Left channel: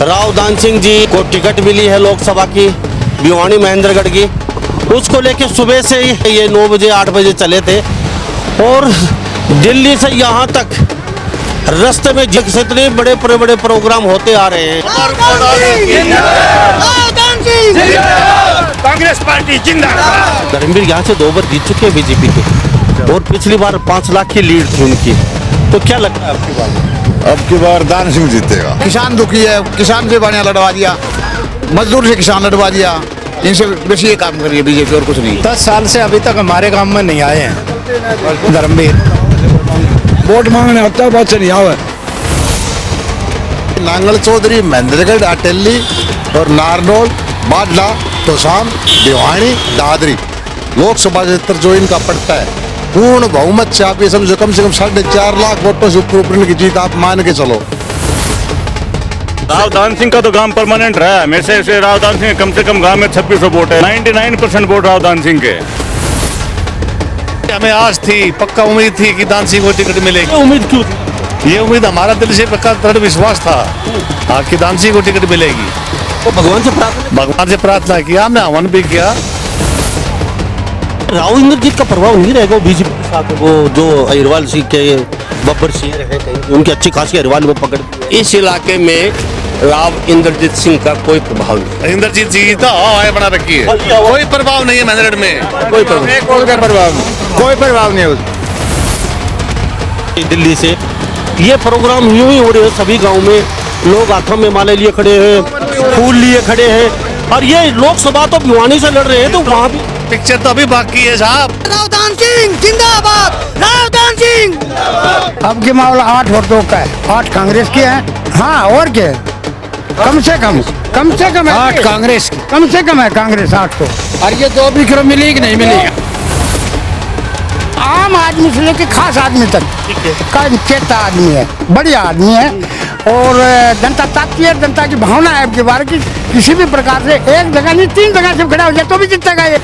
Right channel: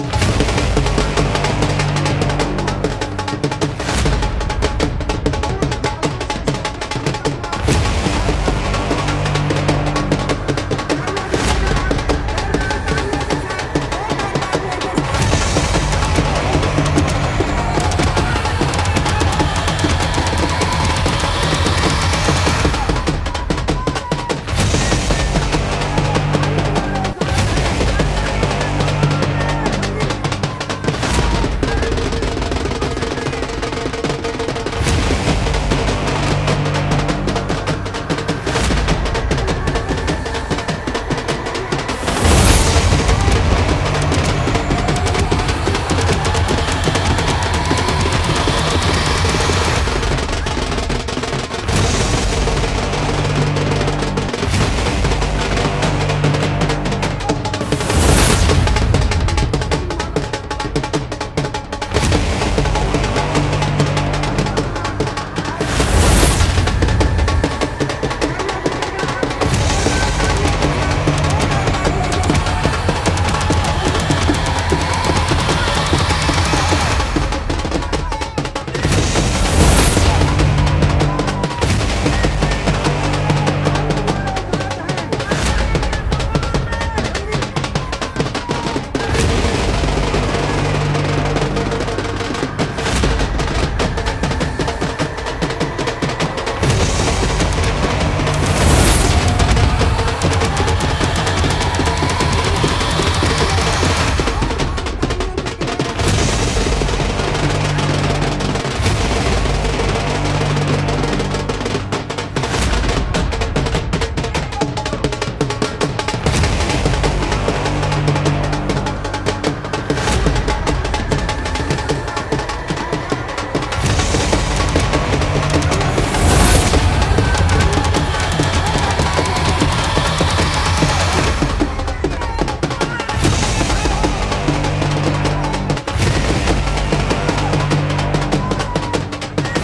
राव दान सिंह जी को टिकट मिली है लोकसभा की, भिवानी महेंद्रगढ़ की। उसको लेके सुबह से ही ये 9 बजे 8 बजे चले थे और दिल्ली से यहाँ तक रास्ते में जितने बड़े बड़े प्रोग्राम होते आ रहे हैं। कांग्रेस पार्टी जिंदाबाद। धर्मवीर यहाँ से 2 बार जीत चुके हैं बीजेपी को और पिछली बार 5 लाख की लीड थी उनकी। तो क्या लगता है आपको? अब की बार दान सिंह जीतेगा। किसान दुखी है, किसान से बढ़िया लड़वा दिया, मजदूर से किसान लड़वा दिया, इनसे बेसी ये काम करिए बीजेपी और कुछ नहीं। 10 साल से अभी तक हमारे गांव में नहीं आए हैं धर्मवीर। वोट मांगने आता है, बात नहीं आवे। नांगल चौधरी, महेंद्रगढ़, अटेली और नारनौल, बाडला, तोशाम, भिवानी, दादरी लोकसभा क्षेत्र जो इनका पट्टा है, पूर्ण बहुमत से आप ये समझो कम से कम 4.5 लाख वोटों से ऊपर की जीत आप मान के चलो। राव दान सिंह का तो काम परमानेंट रहा है। हमेशा से राव दान सिंह कम से कम गांव में 2600 वोट है। 99% वोट राव दान सिंह के। हमें आज थी, पक्का उम्मीद थी कि दान सिंह को टिकट मिलेगी। उम्मीद क्यों? ये उम्मीद हमारा दिल से पक्का दृढ़ विश्वास था कि दान सिंह को टिकट मिलेगी। तो भगवान से प्रार्थना किया, हमने हवन भी किया। राव इंद्रजीत का प्रभाव नहीं रहेगा बीजेपी के साथ। वो जो अहिरवाल सिंह के बब्बर सिंह रहे, उनकी अच्छी खासी अहिरवाल में पकड़। इस इलाके में राव इंद्रजीत सिंह का कोई प्रभाव नहीं। इंद्रजीत जी तो बना रखी है, कोई प्रभाव नहीं है महेंद्रगढ़ में। कोई प्रभाव नहीं होता दिल्ली से। ये प्रोग्राम यूं ही हो रहे हैं सभी गांव में। लोग हाथों में माले लिए खड़े हैं, फूल लिए खड़े हैं और ये लोकसभा तो भिवानी से लड़ रहे हैं। तो वहाँ पिक्चर तो अभी बाकी है साहब। राव दान सिंह जिंदाबाद, राव दान सिंह। अब के मामला 8 वोटों का है, 8 कांग्रेस की है। हाँ और क्या, कम से कम 8 कांग्रेस, कम से कम है कांग्रेस 8 को। और ये 2 भी मिली कि नहीं मिली? आम आदमी से लेके खास आदमी तक का चेता आदमी है, बढ़िया आदमी है और जनता ताकती है, जनता की भावना है के बारे की। किसी भी प्रकार से एक जगह नहीं 3 जगह से खड़ा हो जाए तो भी जीतेगा ये।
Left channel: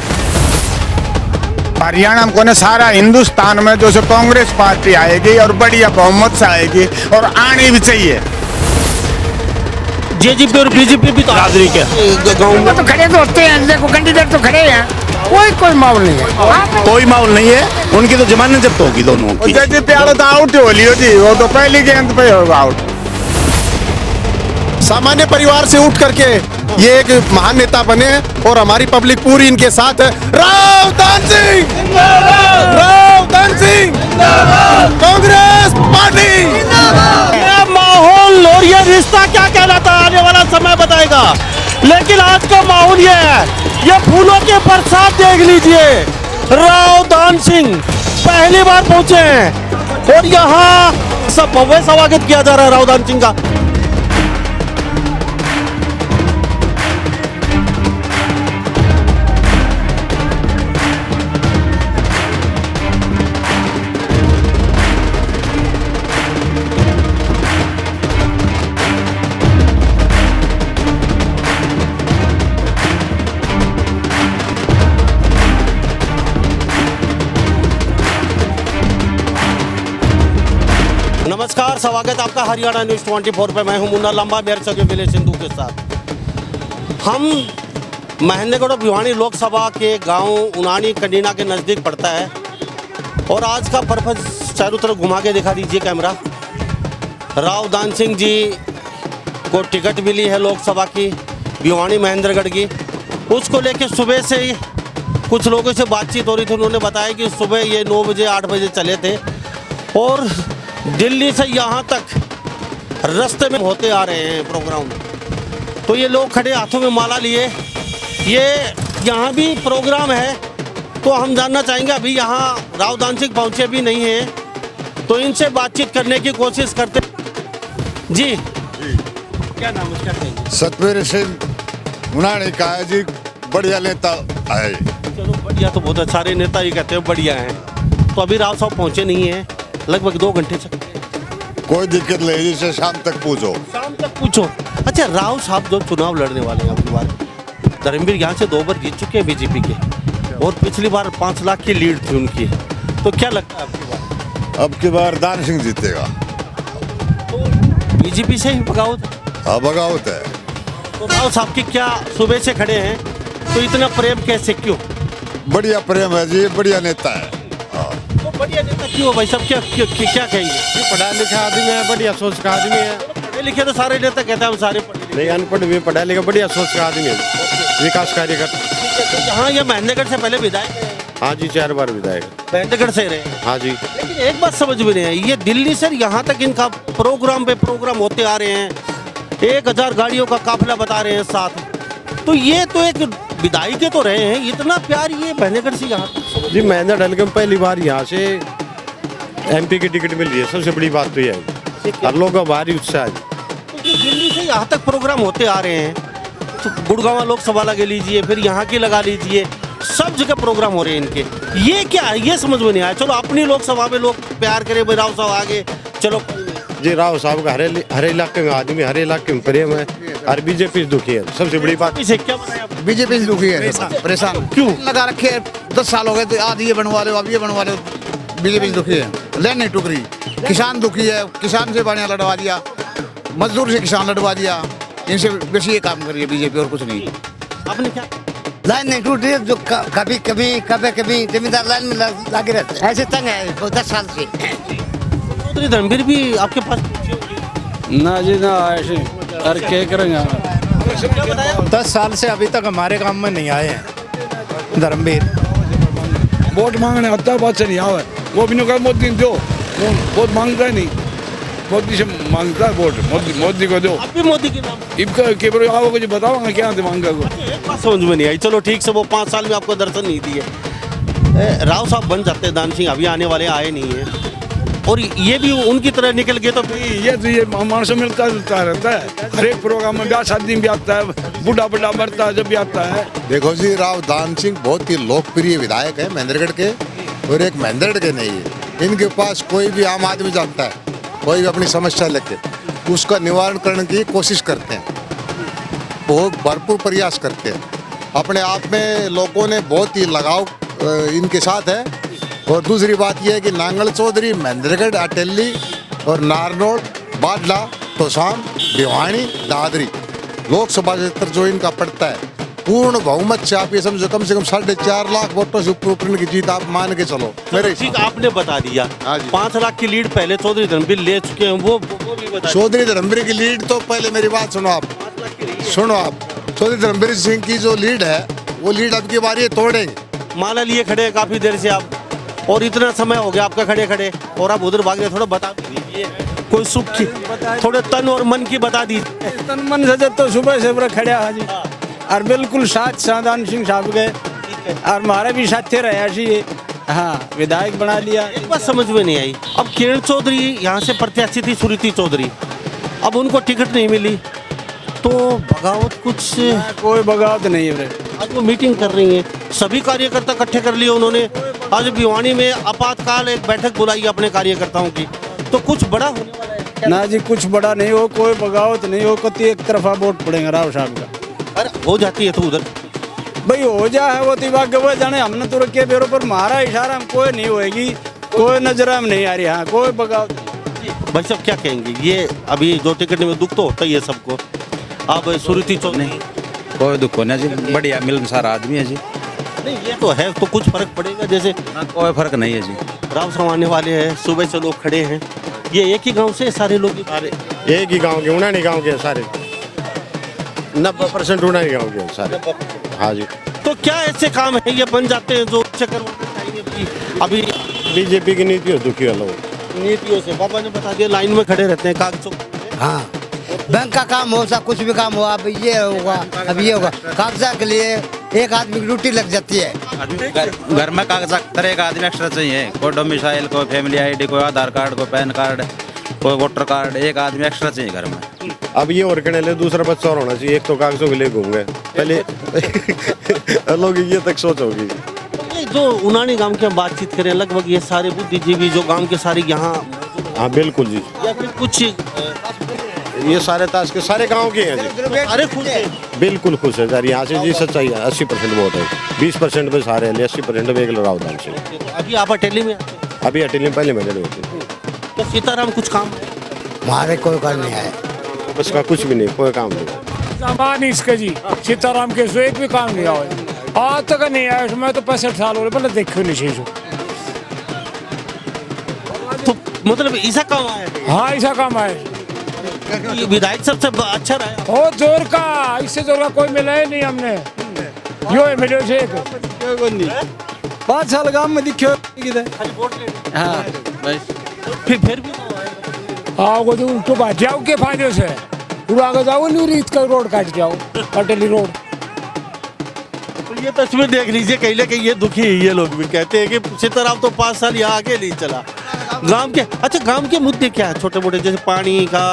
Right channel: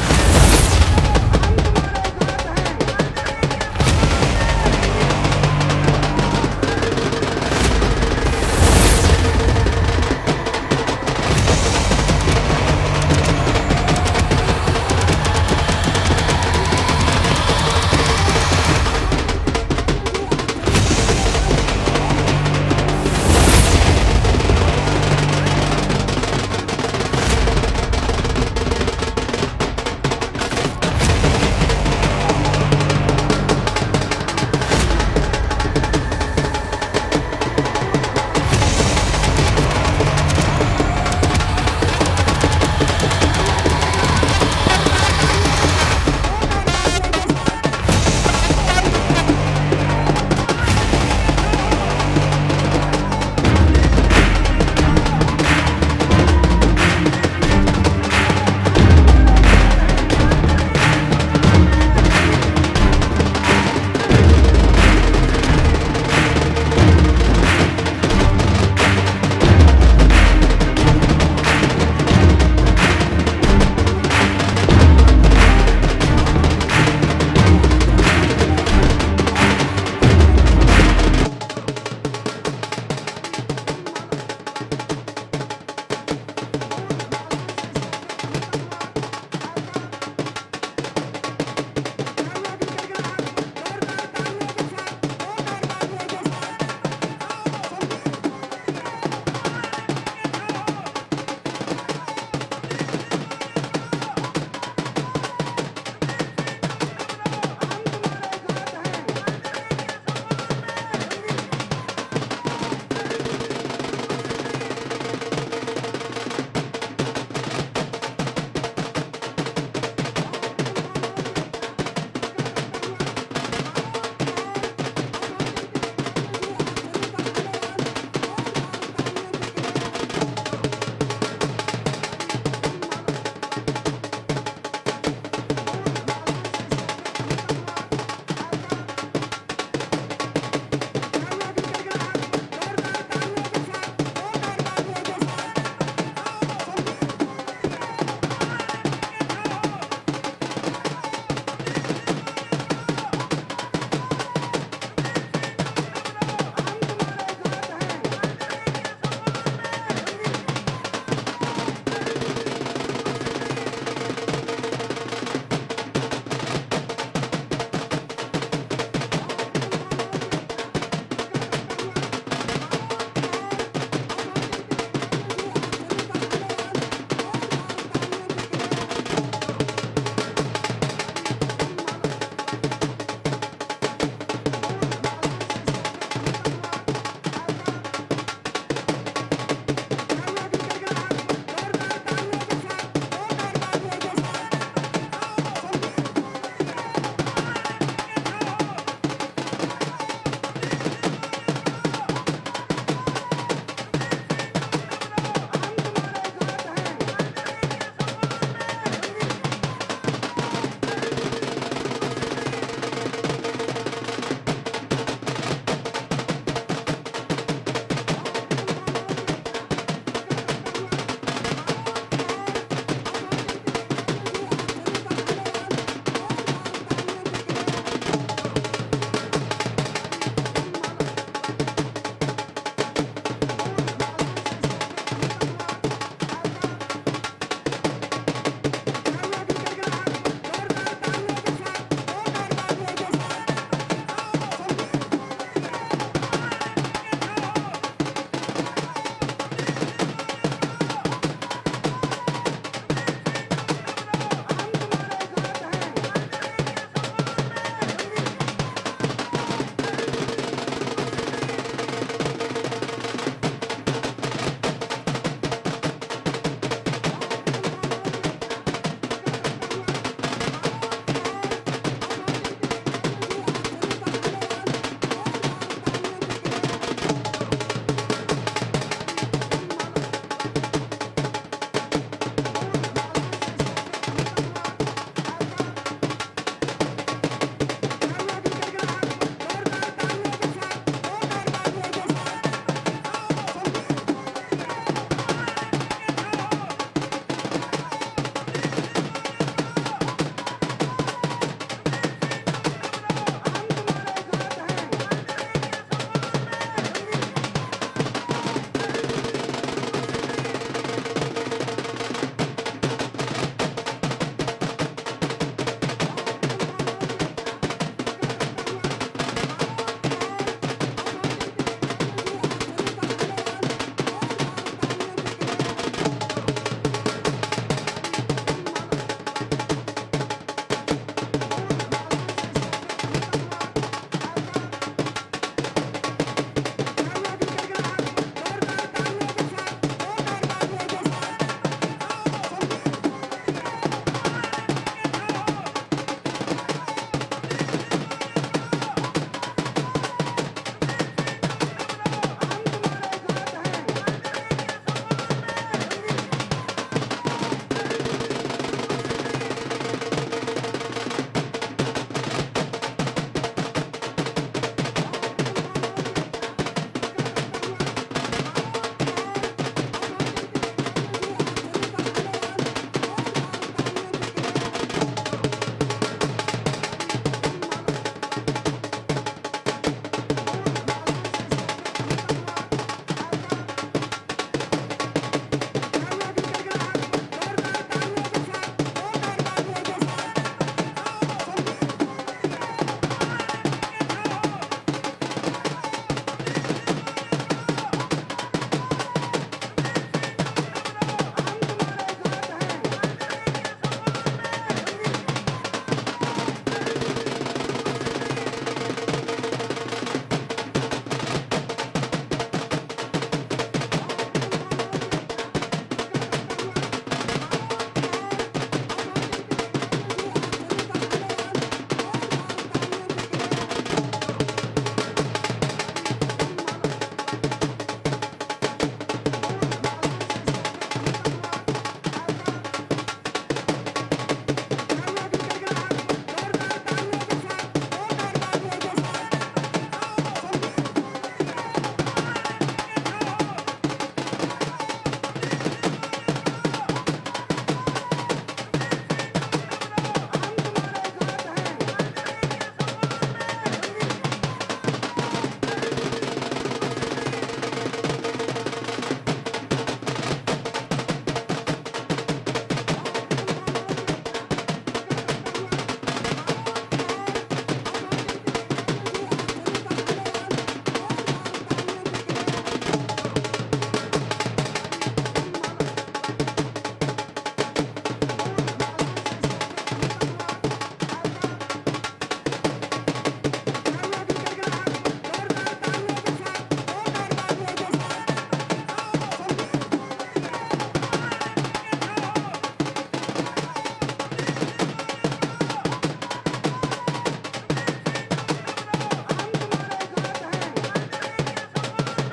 हरियाणा को ने सारा हिंदुस्तान में जो कांग्रेस पार्टी आएगी और बढ़िया बहुमत से आएगी और आनी भी चाहिए। जेजेपी और बीजेपी भी तो हाजिरी के वो तो खड़े तो होते हैं, देखो कैंडिडेट तो खड़े हैं, कोई माहौल नहीं है। कोई माहौल नहीं है, उनकी तो जमानत जब्त होगी दोनों की। आउट हो लियो जी, वो तो पहली गेंद पे होगा आउट। सामान्य परिवार से उठ करके ये एक महान नेता बने और हमारी पब्लिक पूरी इनके साथ है। राव दान सिंह, राव दान सिंह, कांग्रेस पार्टी। माहौल और ये रिश्ता क्या कहलाता है आने वाला समय बताएगा। लेकिन आज का माहौल ये है, ये फूलों के बरसात देख लीजिए। राव दान सिंह पहली बार पहुंचे हैं और यहाँ सब भव्य स्वागत किया जा रहा है राव दान सिंह का। स्वागत आपका हरियाणा न्यूज़ 24 पे। मैं हूं मुन्ना लंबा, मेरे सभी विलेज सिंधु के साथ। हम महेंद्रगढ़ और भिवानी लोकसभा के गांव उनानी कंडीना के नज़दीक पड़ता है और आज का पर्पस चारों तरफ घुमा के दिखा दीजिए कैमरा। राव दान सिंह जी को टिकट मिली है लोकसभा की, भिवानी महेंद्रगढ़ की। उसको लेके सुबह से ही कुछ लोगों से बातचीत हो रही थी। उन्होंने बताया कि सुबह ये 9 बजे 8 बजे चले थे और दिल्ली से यहाँ तक रास्ते में होते आ रहे हैं प्रोग्राम। तो ये लोग खड़े हाथों में माला लिए, ये यहाँ भी प्रोग्राम है। तो हम जानना चाहेंगे, अभी यहाँ राव दान सिंह पहुँचे भी नहीं हैं, तो इनसे बातचीत करने की कोशिश करते। जी क्या नाम है? सतवीर सिंह उन्होंने कहा जी बढ़िया नेता आए। चलो बढ़िया, तो बहुत सारे नेता ये कहते हैं बढ़िया हैं। तो अभी राव साहब पहुँचे नहीं हैं, लगभग 2 घंटे से। कोई दिक्कत नहीं, जिसे शाम तक पूछो। शाम तक पूछो। अच्छा, राव साहब जो चुनाव लड़ने वाले हैं, धर्मवीर यहाँ से 2 बार जीत चुके हैं बीजेपी के और पिछली बार 5 लाख की लीड थी उनकी। तो क्या लगता है आपको? अब की बार दान सिंह जीतेगा। बीजेपी से ही बगावत हाँ बगावत है। तो राव साहब की क्या सुबह से खड़े हैं तो इतना प्रेम कैसे, क्यों? बढ़िया प्रेम है जी, बढ़िया नेता है। तो बढ़िया नेता क्यों भाई साहब, क्या कहेंगे? पढ़ा लिखा आदमी है, बढ़िया सोच का आदमी है। पढ़े लिखे तो सारे नेता कहते हैं हम सारे पढ़े नहीं, अनपढ़ भी पढ़ा लिखा, बढ़िया सोच का आदमी है, विकास कार्य करता। लिखे। तो यहाँ ये महेंद्रगढ़ से पहले विधायक रहे, हाँ जी, 4 बार विधायक। महेंद्रगढ़ से रहे। हाँ जी। लेकिन एक बात समझ में नहीं आई, ये दिल्ली से यहाँ तक इनका प्रोग्राम पे प्रोग्राम होते आ रहे हैं, 1000 गाड़ियों का काफिला बता रहे हैं साथ, तो ये तो एक विधायक के तो रहे हैं, इतना प्यार ये महेंद्रगढ़ से यहाँ जी महेंद्रगढ़ के पहली बार यहाँ से MP की टिकट मिल रही है, सबसे बड़ी बात तो ये है। हर लोग का भारी उत्साह है। दिल्ली से यहाँ तक प्रोग्राम होते आ रहे हैं, तो गुड़गांव लोकसभा लगा लीजिए, फिर यहाँ की लगा लीजिए, सब जगह प्रोग्राम हो रहे हैं इनके। ये क्या है, ये समझ में नहीं आया। चलो अपनी लोकसभा में लोग प्यार करें, भाई राव साहब आगे चलो। जी राव साहब का हर इलाके में आदमी, हर इलाके में प्रेम है, और बीजेपी दुखी है, सबसे बड़ी बात। इसे क्या बीजेपी से दुखी है, परेशान क्यों लगा रखे हैं? 10 साल हो गए थे, आज ये बनवा रहे हो, अब ये बनवा रहे हो। बीजेपी दुखी है, लेन नहीं टूट रही। किसान दुखी है, किसान से बढ़िया लड़वा दिया, मजदूर से किसान लड़वा दिया, इनसे बेसी ये काम करिए बीजेपी, और कुछ नहीं। आपने क्या लाइन नहीं टूट रही है, जो कभी जमींदार लाइन में लगे रहते हैं। ऐसे तंग है 10 साल से। रणबीर भी आपके पास ना जी ना, ऐसे अरे क्या करेंगे? 10 साल से अभी तक हमारे काम में नहीं आए हैं धर्मवीर। वोट मांगने आता है, बहुत से नहीं आवा, वो भी नहीं कहा मोदी दो, वोट मांगता ही नहीं, मोदी से मांगता है वोट, मोदी को दो। आप भी मोदी के नाम इनका केवल आओ कुछ बताओ मैं क्या मांगा को। एक बात समझ में नहीं आई। चलो ठीक से, वो 5 साल में आपको दर्शन नहीं दिए, राव साहब बन जाते हैं, दान सिंह अभी आने वाले आए नहीं है, और ये भी उनकी तरह निकल गए तो ये मानस मिलता जुलता रहता है, हर एक प्रोग्राम में ब्याह शादी भी आता है, बूढ़ा बूढ़ा मरता है जब भी आता है। देखो जी, राव दान सिंह बहुत ही लोकप्रिय विधायक है महेंद्रगढ़ के, और एक महेंद्रगढ़ के नहीं है। इनके पास कोई भी आम आदमी जाता है, कोई भी अपनी समस्या लेके उसका निवारण करने की कोशिश करते हैं, बहुत भरपूर प्रयास करते हैं। अपने आप में लोगों ने बहुत ही लगाव इनके साथ है। और दूसरी बात यह है कि नांगल चौधरी, महेंद्रगढ़, अटेली और नारनौल, बाडला, तोशाम, भिवानी, दादरी लोकसभा क्षेत्र जो इनका पड़ता है, पूर्ण बहुमत से आप ये समझो कम से कम 4.5 लाख वोटों से ऊपर की जीत आप मान के चलो। मेरे ठीक आपने बता दिया, 5 लाख की लीड पहले चौधरी रणबीर ले चुके हैं, वो भी बता। चौधरी रणबीर की लीड तो पहले मेरी बात सुनो आप। चौधरी रणबीर सिंह की जो लीड है, वो लीड अब की बार ये तोड़ेंगे। माला लिए खड़े हैं काफी देर से आप, और इतना समय हो गया आपका खड़े खड़े, और आप उधर भागे, थोड़ा बता दीजिए कोई सुख की, थोड़े तन और मन की बता दीजिए। तन मन से तो सुबह से पूरा खड़ा है जी, और बिल्कुल साथ साधारण सिंह साहब के, और हमारे भी साथ रहे ऐसी, हाँ विधायक बना लिया। एक बात समझ में नहीं आई, अब किरण चौधरी यहाँ से प्रत्याशी थी, सुरीति चौधरी, अब उनको टिकट नहीं मिली, तो बगावत कुछ, कोई बगावत नहीं है। अब वो मीटिंग कर रही है, सभी कार्यकर्ता इकट्ठे कर लिए उन्होंने। आज भिवानी में आपातकाल एक बैठक बुलाई अपने कार्यकर्ताओं की, तो कुछ बड़ा ना जी, कुछ बड़ा नहीं हो, कोई बगावत नहीं हो, कति एक तरफा वोट पड़ेगा राव साहब का। अरे हो जाती है तो उधर भाई हो जा है वो दिमाग वो जाने, हमने तो रखे बेरों पर मारा इशारा में कोई नहीं होएगी, कोई नजर में नहीं आ रही। हाँ कोई बगावत। भाई साहब क्या कहेंगे, ये अभी 2 टिकट में दुख तो होता ही है सबको, अब सुरीति चौधरी कोई दुख नहीं जी, बढ़िया मिलनसार आदमी है जी। ये तो है, तो कुछ फर्क पड़ेगा जैसे? कोई फर्क नहीं है जी। राम साहब आने वाले हैं, सुबह से लोग खड़े हैं, ये एक ही गांव से सारे लोग एक ही गांव के, उन्होंने गांव के सारे 90% उन्होंने गांव के सारे। हाँ जी। तो क्या ऐसे काम है ये बन जाते हैं जो अभी बीजेपी की नीति हो चुकी है, लोग नीतियों से पापा ने बता दिया, लाइन में खड़े रहते हैं कागजों। हाँ, बैंक का काम हो, सब कुछ भी काम हो, अब ये होगा, अब ये होगा, कागजात के लिए एक आदमी की ड्यूटी लग जाती है। घर में कागजात तरह एक आदमी एक्स्ट्रा चाहिए, कोई डोमिसाइल, कोई फैमिली ID, कोई आधार कार्ड, कोई पैन कार्ड, कोई वोटर कार्ड, एक आदमी एक्स्ट्रा चाहिए घर में। अब ये और कहने ले दूसरा बच्चा और होना चाहिए, एक तो कागजों के लिए घूम गए पहले लोग ये तक सोच होगी। जो उनानी गांव की बातचीत करें, लगभग ये सारे बुद्धिजीवी जो गांव के सारे यहाँ, हाँ बिल्कुल जी, या फिर कुछ ये सारे ताश के सारे गांव के हैं जी। अरे खुश है, बिल्कुल खुश है सर, यहाँ से जी सच्चाई है। 80% वोट है, 20% पे सारे हैं, 80% पे एक लगाव दान से। अभी आप अटेली में, अभी अटेली पहले मैंने तो सीताराम कुछ काम हमारे कोई काम नहीं है। उसका कुछ भी नहीं, कोई काम नहीं। सामान इसके जी सीताराम के सो एक भी काम नहीं आया आज तक नहीं आया। मैं तो 65 साल हो गए मतलब देखो नहीं चीज। तो मतलब ऐसा काम है? हाँ ऐसा काम है। ये विधायक सबसे अच्छा रहा बहुत जोर का, इससे जोर का कोई मिला ही नहीं हमने। यो है मिलो से 5 साल काम में दिखो हाँ फिर आओ तो उनको बात जाओ के फायदे से तू आगे जाओ नहीं रीत का रोड काट जाओ अटली रोड। ये तस्वीर देख लीजिए, कहीं ना कहीं ये दुखी है। ये लोग भी कहते हैं कि सीताराम तो 5 साल यहाँ आगे नहीं चला। गांव के अच्छा गांव के मुद्दे क्या है छोटे मोटे, जैसे पानी का,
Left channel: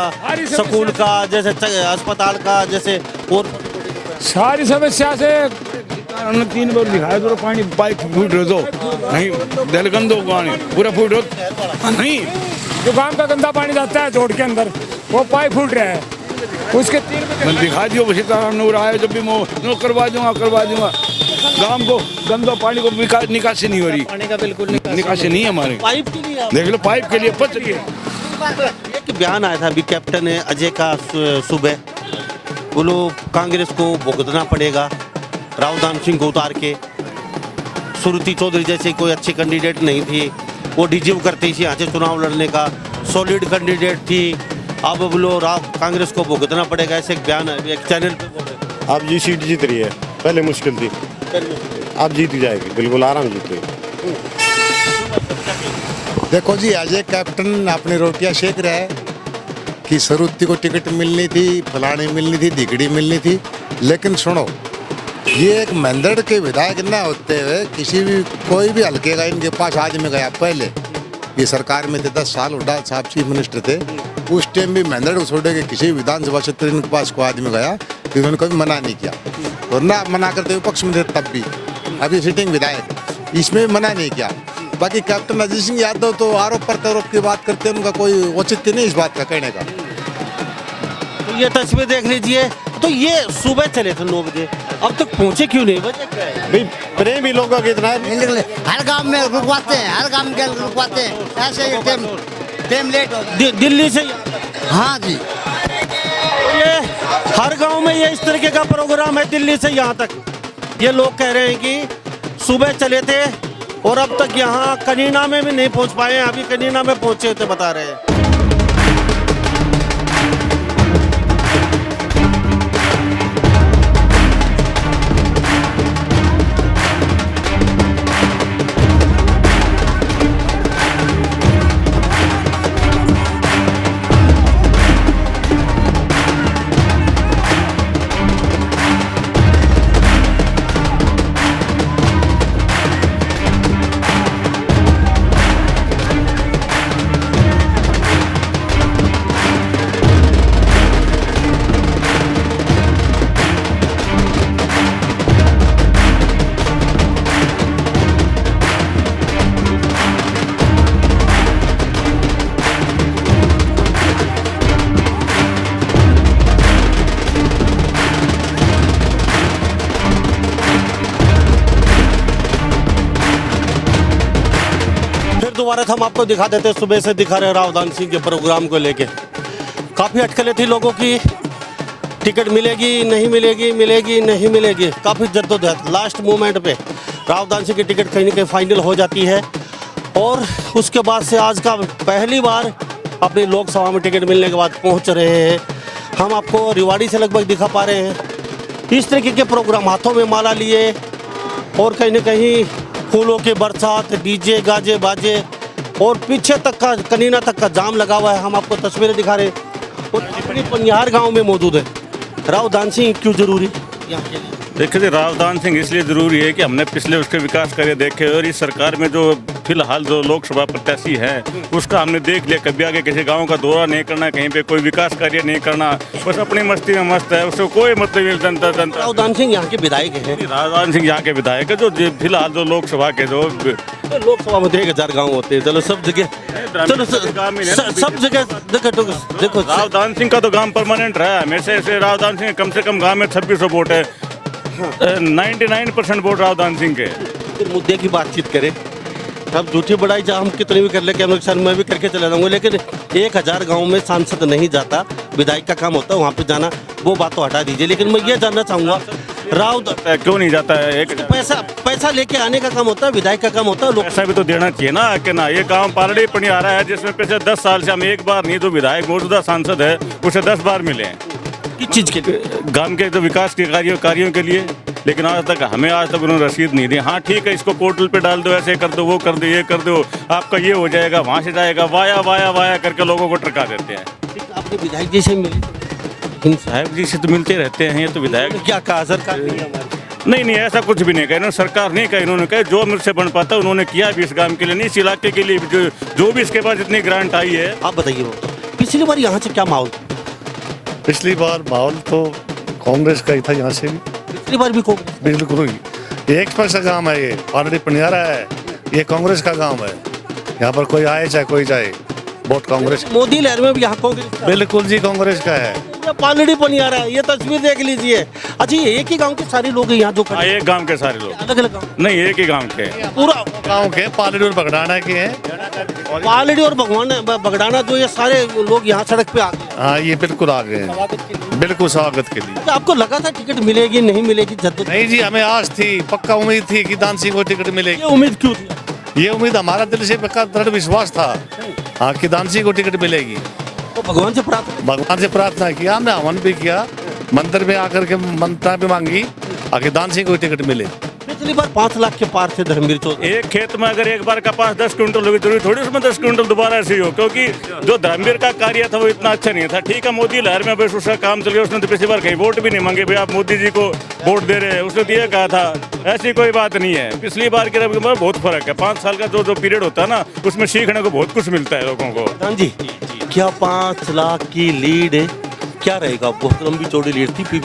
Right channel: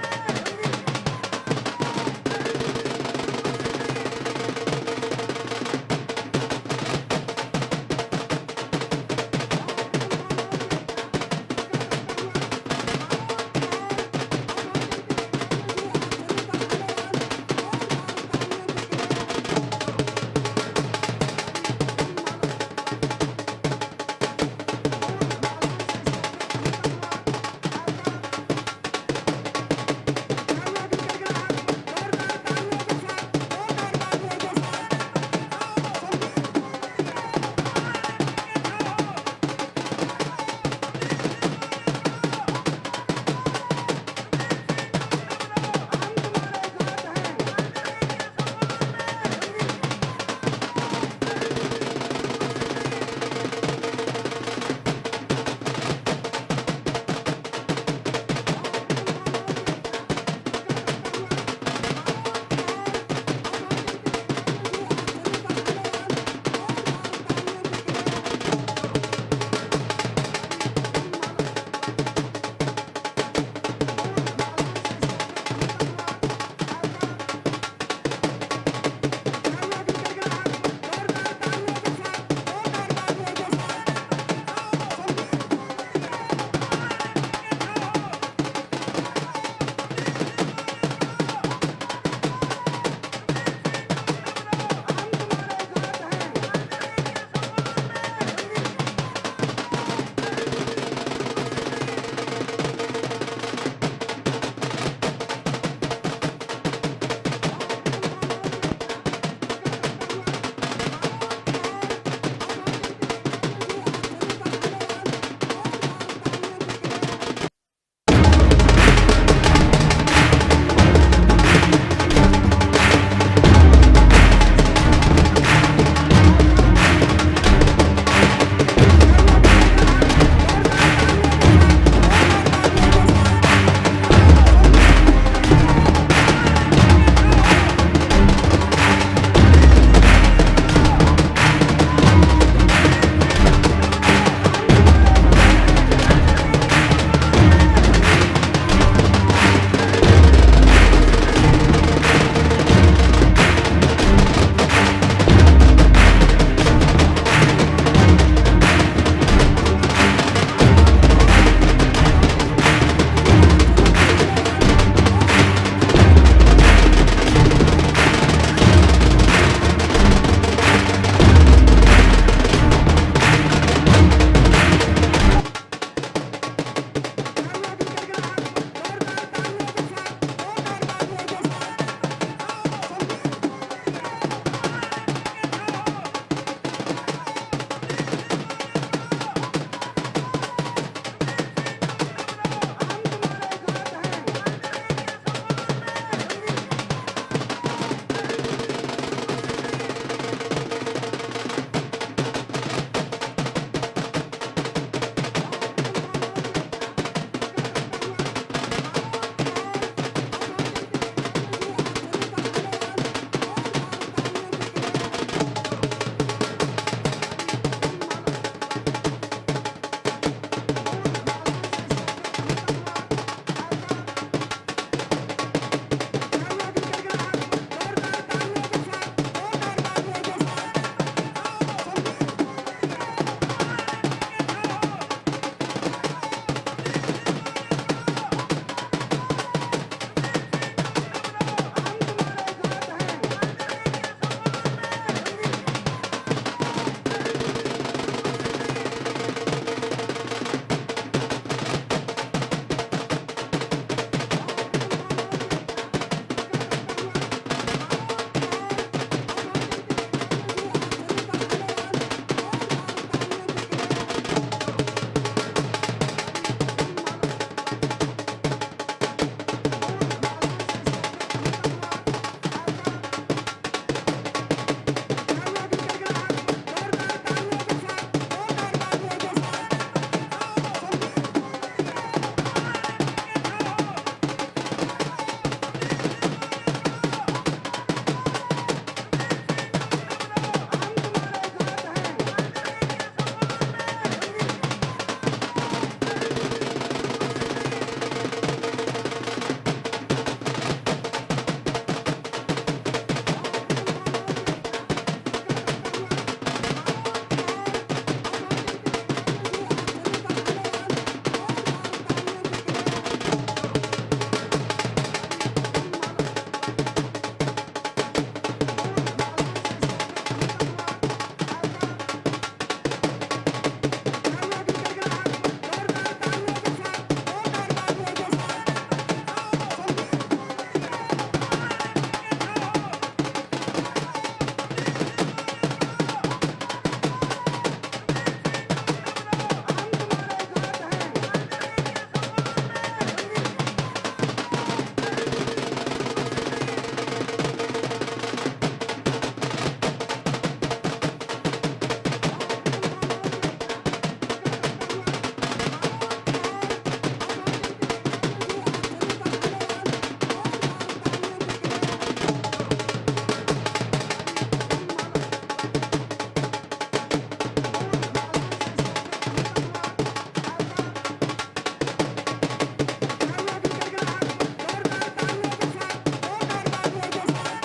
स्कूल का, जैसे अस्पताल का, जैसे और सारी समस्या से 3 बार दिखाए तो पानी पाइप फूट रहे तो नहीं दलगंदो पानी पूरा फूट नहीं। जो गांव का गंदा पानी जाता है जोड़ के अंदर वो पाइप फूट रहा है उसके 3 दिखा दियो सीताराम नूर आए जब भी मैं करवा दूंगा। गांव को गंदा पानी को निकासी नहीं हो रही, पानी का बिल्कुल निकासी नहीं है हमारे। पाइप देख लो पाइप के लिए पच रही है। एक बयान आया था अभी कैप्टन अजय का सुबह, वो लोग कांग्रेस को भुगतना पड़ेगा राव दान सिंह को उतार के। सुरुचि चौधरी जैसे कोई अच्छी कैंडिडेट नहीं थी, वो डिजर्व करती थी यहाँ से चुनाव लड़ने का, सॉलिड कैंडिडेट थी। अब बोलो राव कांग्रेस को भुगतना पड़ेगा, ऐसे एक बयान है एक चैनल। अब जी सीट जीत रही है, पहले मुश्किल थी, अब जीत जाएगी, बिल्कुल आराम जीत रही। देखो जी अजय कैप्टन अपनी रोटियां सेक रहा है कि सरुत्ती को टिकट मिलनी थी, फलानी मिलनी थी, दिगड़ी मिलनी थी। लेकिन सुनो, ये एक मंदड़ के विधायक न होते हुए किसी भी कोई भी हल्के का इनके पास आदमी गया। पहले ये सरकार में थे 10 साल, उड़ा साहब चीफ मिनिस्टर थे, उस टाइम भी मंदड़ को छोड़े के किसी विधानसभा क्षेत्र इनके पास कोई आदमी गया, इन्होंने कभी मना नहीं किया। और ना मना करते विपक्ष में थे तब भी, अभी सिटिंग विधायक, इसमें भी मना नहीं किया। बाकी कैप्टन अजीत सिंह यादव तो आरोप प्रत्यारोप की बात करते हैं, उनका कोई औचित्य नहीं इस बात का कहने का। ये तस्वीर देख लीजिए, तो ये सुबह चले थे 9 बजे, अब तक पहुंचे क्यों नहीं? भाई प्रेम ही लोगों की इतना है, हर गांव में रुकवाते हैं, हर गांव में रुकवाते हैं, ऐसे टाइम लेट हो दिल्ली से। हाँ जी ये हर गांव में ये इस तरीके का प्रोग्राम है दिल्ली से यहाँ तक। ये लोग कह रहे हैं कि सुबह चले थे और अब तक यहाँ कनीना में भी नहीं पहुंच पाए हैं, अभी कनीना में पहुंचे थे बता रहे हैं। हम आपको दिखा देते, सुबह से दिखा रहे राव दान सिंह के प्रोग्राम को लेके। काफ़ी अटकलें थी लोगों की, टिकट मिलेगी नहीं मिलेगी, मिलेगी नहीं मिलेगी, काफ़ी जद्दोजहद। लास्ट मोमेंट पे राव दान सिंह की टिकट कहीं ना कहीं फाइनल हो जाती है और उसके बाद से आज का पहली बार अपनी लोकसभा में टिकट मिलने के बाद पहुंच रहे हैं। हम आपको रिवाड़ी से लगभग दिखा पा रहे हैं इस तरीके के प्रोग्राम, हाथों में माला लिए और कहीं ना कहीं फूलों की बरसात, डीजे गाजे बाजे और पीछे तक का कनीना तक का जाम लगा हुआ है। हम आपको तस्वीरें दिखा रहे हैं और अपनी पनिहार गांव में मौजूद है। राव दान सिंह क्यों जरूरी? देखिए राव दान सिंह इसलिए जरूरी है कि हमने पिछले उसके विकास कार्य देखे और इस सरकार में जो फिलहाल जो लोकसभा प्रत्याशी है उसका हमने देख लिया। कभी आगे किसी गांव का दौरा नहीं करना, कहीं पे कोई विकास कार्य नहीं करना, बस अपनी मस्ती में मस्त है, उसको कोई मतलब नहीं। जनता राव दान सिंह यहाँ के विधायक है, राव दान सिंह यहाँ के विधायक है जो फिलहाल जो लोकसभा के जो लोकसभा में 1000 गाँव होते हैं। चलो सब जगह, चलो सब जगह देखो राव दान सिंह का तो काम परमानेंट रहा है हमेशा से। राव दान सिंह कम से कम गांव में 2600 वोट है, 99% वोट राव दान सिंह के। मुद्दे की बातचीत करें, हम झूठी बढ़ाई हम कितनी भी कर ले, मैं भी करके चला जाऊंगा, लेकिन 1000 गांव में सांसद नहीं जाता, विधायक का काम होता है वहाँ पे जाना, वो बात तो हटा दीजिए। लेकिन मैं ये जानना चाहूँगा, राव क्यों नहीं जाता है? एक पैसा लेके आने का काम होता है, विधायक का काम होता है। लोग पैसा भी तो देना चाहिए ना कि ना। ये काम पालड़ी पड़ी आ रहा है जिसमें पिछले 10 साल से हम एक बार नहीं तो विधायक मौजूदा सांसद है उसे 10 बार मिले हैं किस चीज़ के गांव के जो विकास के कार्यों के लिए, लेकिन आज तक उन्होंने रसीद नहीं दी। हाँ ठीक है, इसको पोर्टल पे डाल दो, ऐसे कर दो, वो कर दो, ये कर दो, आपका ये हो जाएगा, वहाँ से जाएगा, वाया करके लोगों को टरका देते हैं। आपको विधायक जी से मिले? साहब जी से तो मिलते रहते हैं, ये तो विधायक क्या कहा सरकार? नहीं ऐसा कुछ भी नहीं कहा इन्होंने, सरकार नहीं कहा, इन्होंने कहा जो मुझसे बन पाता उन्होंने किया भी इस काम के लिए, नहीं इस इलाके के लिए जो भी इसके बाद जितनी ग्रांट आई है। आप बताइए, पिछली बार यहाँ से क्या माहौल? पिछली बार माहौल तो कांग्रेस का ही था, यहाँ से पिछली बार भी बिल्कुल ही एक पैसा गाँव है, ये पालड़ी पनियारा है, ये कांग्रेस का गाँव है। यहाँ पर कोई आए चाहे कोई जाए, वोट कांग्रेस। मोदी लहर में भी यहाँ कांग्रेस? बिल्कुल जी कांग्रेस का है। पालड़ी पनियारा है, ये तस्वीर देख लीजिए। अच्छा, ये एक ही गांव के सारे लोग यहाँ जो एक गांव के सारे लोग? अलग अलग नहीं, एक ही गांव के, पूरा गांव के पालड़ी और बगडाना के हैं। पालड़ी और बगडाना जो ये सारे लोग यहाँ सड़क पे हाँ, ये बिल्कुल आ गए हैं, बिल्कुल स्वागत के लिए। तो आपको लगा था टिकट मिलेगी नहीं मिलेगी? नहीं जी, हमें आज थी, पक्का उम्मीद थी कि दान सिंह को टिकट मिलेगी। उम्मीद क्यों थी? ये उम्मीद हमारा दिल से पक्का दृढ़ विश्वास था, हाँ, कि दान सिंह को टिकट मिलेगी। तो भगवान से प्रार्थना किया, हमने हवन भी किया, मंदिर में आकर के मंत्रा भी मांगी आगे दान सिंह को टिकट मिले। पिछली बार 5 लाख के पार थे धर्मवीर चौधरी। एक खेत में अगर एक बार कपास 10 क्विंटल होगी, जरूरी थोड़ी उसमें 10 क्विंटल दोबारा ऐसे ही हो, क्योंकि जो धर्मवीर का कार्य था वो इतना अच्छा नहीं था। ठीक है, मोदी लहर में बस उसका काम चल गया, उसने तो पिछली बार कहीं वोट भी नहीं मांगे, भाई आप मोदी जी को वोट दे रहे हैं, उसने तो ये कहा था। ऐसी कोई बात नहीं है, पिछली बार के बहुत फर्क है। 5 साल का जो पीरियड होता है ना, उसमें सीखने को बहुत कुछ मिलता है लोगों को। जी, क्या 5 लाख की लीड क्या रहेगा? बहुत लंबी चौड़ी लीड थी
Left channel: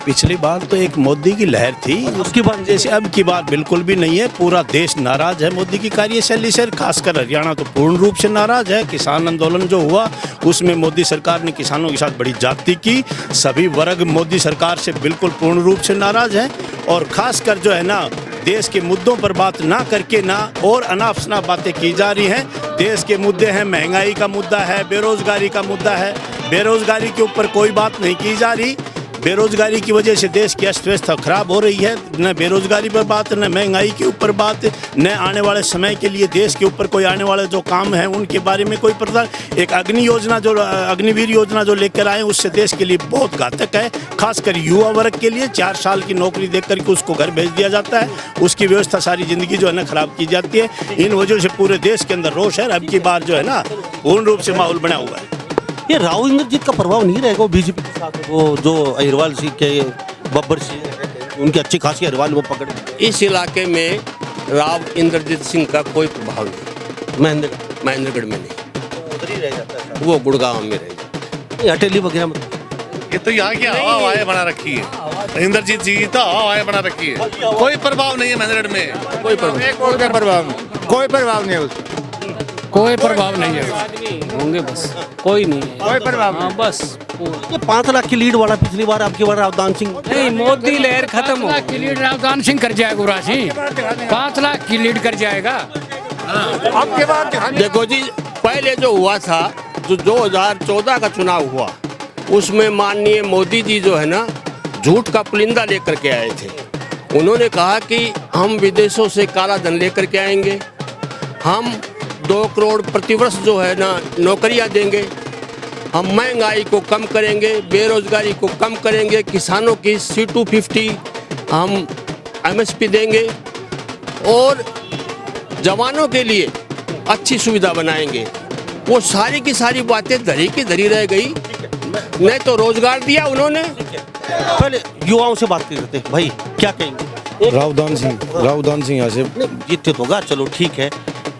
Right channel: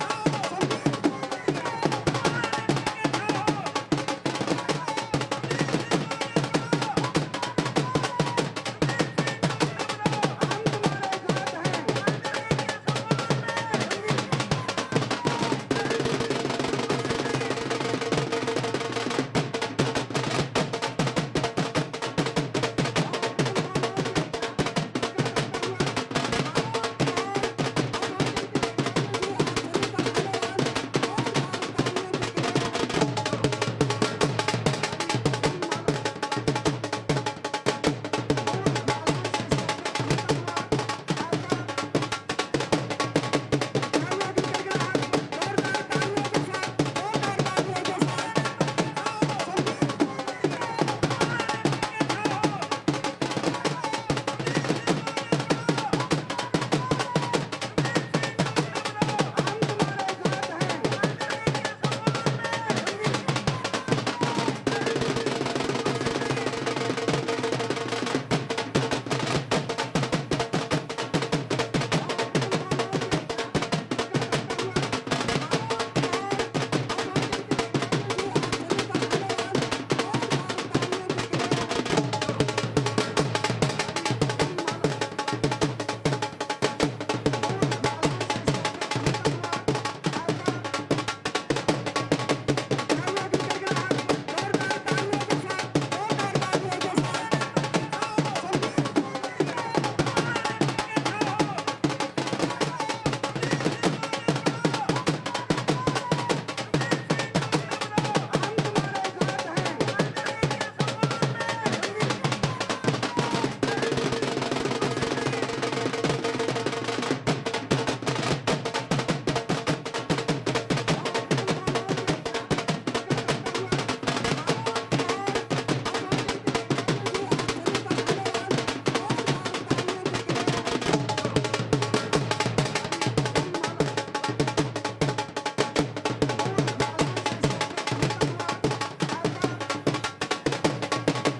पिछली बार तो एक मोदी की लहर थी, उसकी बात जैसे अब की बात बिल्कुल भी नहीं है। पूरा देश नाराज है मोदी की कार्यशैली से, खासकर हरियाणा तो पूर्ण रूप से नाराज है। किसान आंदोलन जो हुआ उसमें मोदी सरकार ने किसानों के साथ बड़ी ज्यादती की, सभी वर्ग मोदी सरकार से बिल्कुल पूर्ण रूप से नाराज है। और खासकर जो है ना, देश के मुद्दों पर बात ना करके ना और अनाप शनाप बातें की जा रही हैं। देश के मुद्दे हैं, महंगाई का मुद्दा है, बेरोजगारी का मुद्दा है, बेरोजगारी के ऊपर कोई बात नहीं की जा रही। बेरोजगारी की वजह से देश की अर्थव्यवस्था खराब हो रही है। न बेरोजगारी पर बात, न महंगाई के ऊपर बात, न आने वाले समय के लिए देश के ऊपर कोई आने वाले जो काम है उनके बारे में कोई पता। एक अग्निवीर योजना जो लेकर आए, उससे देश के लिए बहुत घातक है। खासकर युवा वर्ग के लिए 4 साल की नौकरी दे करके उसको घर भेज दिया जाता है, उसकी व्यवस्था सारी जिंदगी जो है ना खराब की जाती है। इन वजह से पूरे देश के अंदर रोष है। अब की बार जो है ना पूर्ण रूप से माहौल बना हुआ है। ये राव इंद्रजीत का प्रभाव नहीं रहेगा बीजेपी के साथ? वो जो अहिरवाल सिंह के बब्बर सिंह, उनकी अच्छी खासी अहिरवाल वो पकड़े। इस इलाके में राव इंद्रजीत सिंह का कोई प्रभाव नहीं। महेंद्रगढ़ में नहीं, वो गुड़गांव में रहे, हटेली वगैरह में। ये तो यहाँ की हवा बना रखी है, इंद्रजीत जी तो हवा बना रखी है, कोई प्रभाव नहीं है महेंद्रगढ़ में। कोई प्रभाव नहीं है, होंगे बस, कोई नहीं, कोई प्रभाव नहीं, बस। ये 5 लाख की लीड वाला पिछली बार, आपकी बार रावदान सिंह नहीं, मोदी लहर खत्म हो की लीड रावदान सिंह कर जाएगा, राशि 5 लाख की लीड कर जाएगा। आपके बाद देखो जी, पहले जो हुआ था, जो 2014 का चुनाव हुआ, उसमें माननीय मोदी जी जो है ना झूठ का पुलिंदा लेकर के आए थे। उन्होंने कहा कि हम विदेशों से काला धन लेकर के आएंगे, हम 2 करोड़ प्रतिवर्ष जो है ना नौकरियां देंगे, हम महंगाई को कम करेंगे, बेरोजगारी को कम करेंगे, किसानों की C250 हम MSP देंगे और जवानों के लिए अच्छी सुविधा बनाएंगे। वो सारी की सारी बातें धरी की धरी रह गई। नहीं तो रोजगार दिया उन्होंने। पहले युवाओं से बात करते भाई, क्या कहेंगे? रावदान सिंह यहाँ से जीतते होगा, चलो ठीक है।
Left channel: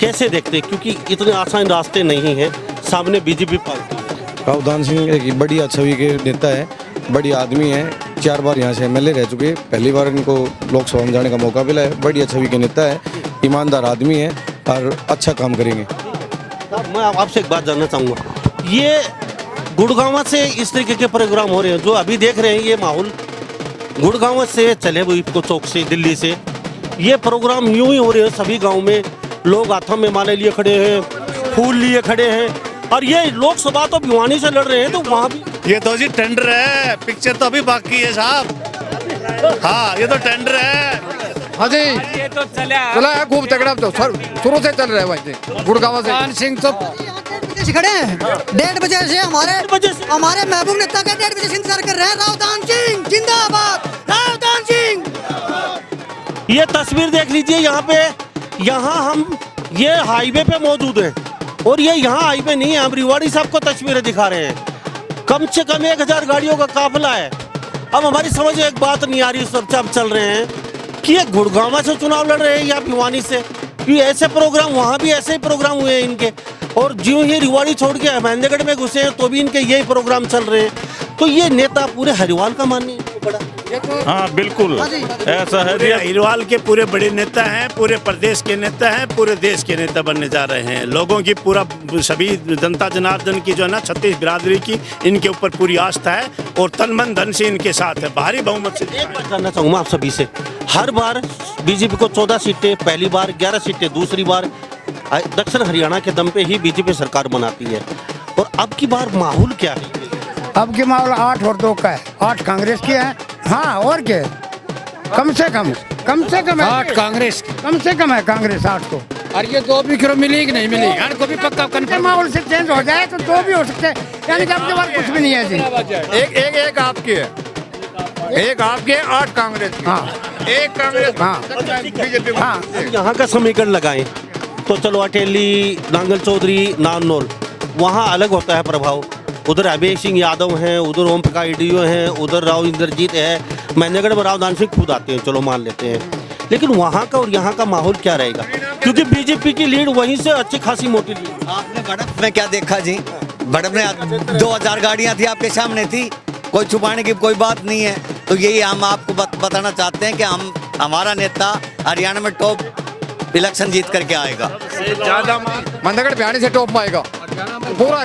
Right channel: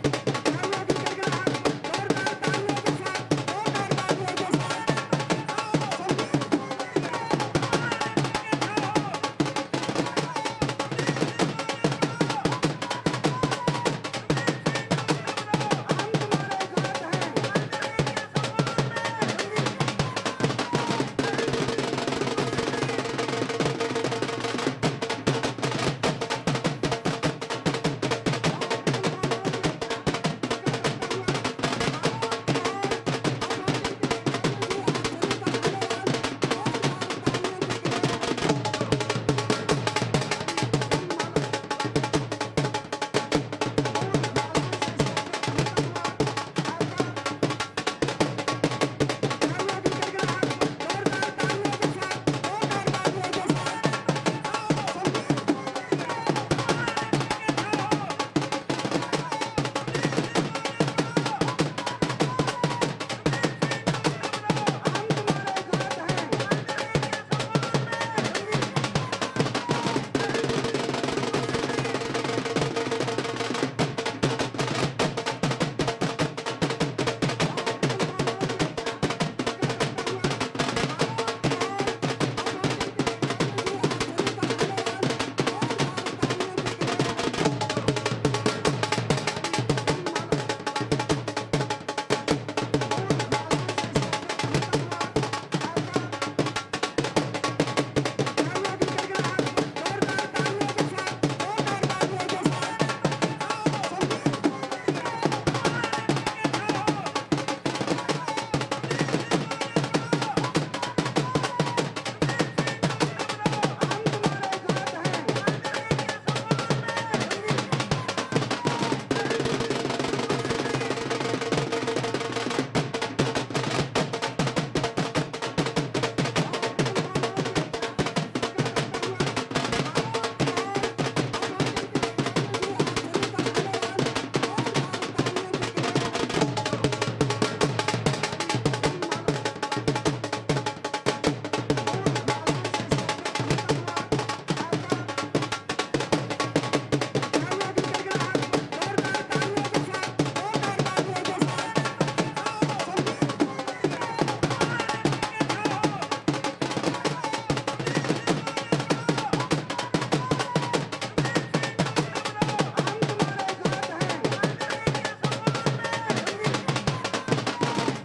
कैसे देखते, क्योंकि इतने आसान रास्ते नहीं हैं, सामने बीजेपी पार्टी। रावदान सिंह एक बड़ी छवि के नेता है, बड़ी आदमी है, 4 बार यहाँ से MLA रह चुके, पहली बार इनको लोकसभा में जाने का मौका मिला है। बड़ी छवि के नेता है, ईमानदार आदमी है और अच्छा काम करेंगे। मैं आपसे एक बात जानना चाहूँगा, ये गुड़गांव से इस तरीके के प्रोग्राम हो रहे हैं जो अभी देख रहे हैं, ये माहौल गुड़गांव से चले हुए को चौक से दिल्ली से ये प्रोग्राम यूं ही हो रहे हैं। सभी गाँव में लोग हाथों में माले लिए खड़े हैं, फूल लिए खड़े हैं, और ये लोकसभा तो भिवानी से लड़ रहे हैं, तो वहाँ भी ये तो जी टेंडर है, पिक्चर तो अभी बाकी है साहब। हाँ ये तो टेंडर है। हाँ जी चला है खूब तगड़ा, तो शुरू से चल रहा है वैसे गुड़गांव से। सिंह तो खड़े हैं 1:30 बजे से हमारे महबूब नेता का 1:30 बजे इंतजार कर रहे हैं। रावदान सिंह जिंदाबाद, रावदान सिंह। ये तस्वीर देख लीजिए, यहाँ हम ये हाईवे पे मौजूद हैं और ये यहाँ हाईवे नहीं है, हम रिवाड़ी साहब को तस्वीरें दिखा रहे हैं। कम से कम 1000 गाड़ियों का काफिला है। अब हमारी समझ में एक बात नहीं आ रही, सब चल रहे हैं कि ये गुड़गांव से चुनाव लड़ रहे हैं या भिवानी से। ये ऐसे प्रोग्राम, वहाँ भी ऐसे ही प्रोग्राम हुए हैं इनके, और ज्यों ही रिवाड़ी छोड़ के महेंद्रगढ़ में घुसे हैं तो भी इनके यही प्रोग्राम चल रहे हैं। तो ये नेता पूरे हरिवाल का मानिए। हाँ बिल्कुल ऐसा है। हरियाणा के पूरे बड़े नेता हैं, पूरे प्रदेश के नेता हैं, पूरे देश के नेता बनने जा रहे हैं। लोगों की पूरा सभी जनता जनार्दन की जो है ना 36 बिरादरी की इनके ऊपर पूरी आस्था है और तन मन धन से इनके साथ है। भारी बहुमत से करना चाहूँगा आप सभी से, हर बार बीजेपी को 14 सीटें, पहली बार 11 सीटें, दूसरी बार दक्षिण हरियाणा के दम पे ही बीजेपी सरकार बनाती है। और अब की बार माहौल क्या है? अब की माहौल 8 और 2 का है। 8 कांग्रेस की है। हाँ और क्या, कम से कम है 8 कांग्रेस, कम से कम है कांग्रेस 8 को। और ये 2 भी करो मिली कि नहीं मिली, इनको भी पक्का कंफर्म। माहौल से चेंज हो जाए तो 2 भी हो सकते हैं, यानी कि आपके पास कुछ भी नहीं है जी। एक आपकी है, एक आपके 8 कांग्रेस। हाँ एक कांग्रेस। हाँ यहाँ का समीकरण लगाएं तो चलो अटेली, नांगल चौधरी, नारनौल, वहाँ अलग होता है प्रभाव। उधर अभय सिंह यादव हैं, उधर ओम प्रकाश डीओ हैं, उधर राव इंद्रजीत है, महेंद्रगढ़ में रावदान सिंह खुद आते हैं, चलो मान लेते हैं। लेकिन वहाँ का और यहाँ का माहौल क्या रहेगा? क्योंकि बीजेपी की लीड वहीं से अच्छी खासी मोटी लीड। आपने बड़प में क्या देखा जी? बड़प में 2000 गाड़ियाँ थी, आपके सामने थी, कोई छुपाने की कोई बात नहीं है। तो यही हम आपको बताना चाहते हैं कि हमारा नेता हरियाणा में टॉप इलेक्शन जीत करके आएगा। मंदगढ़ भिवानी से टॉप पाएगा, पूरा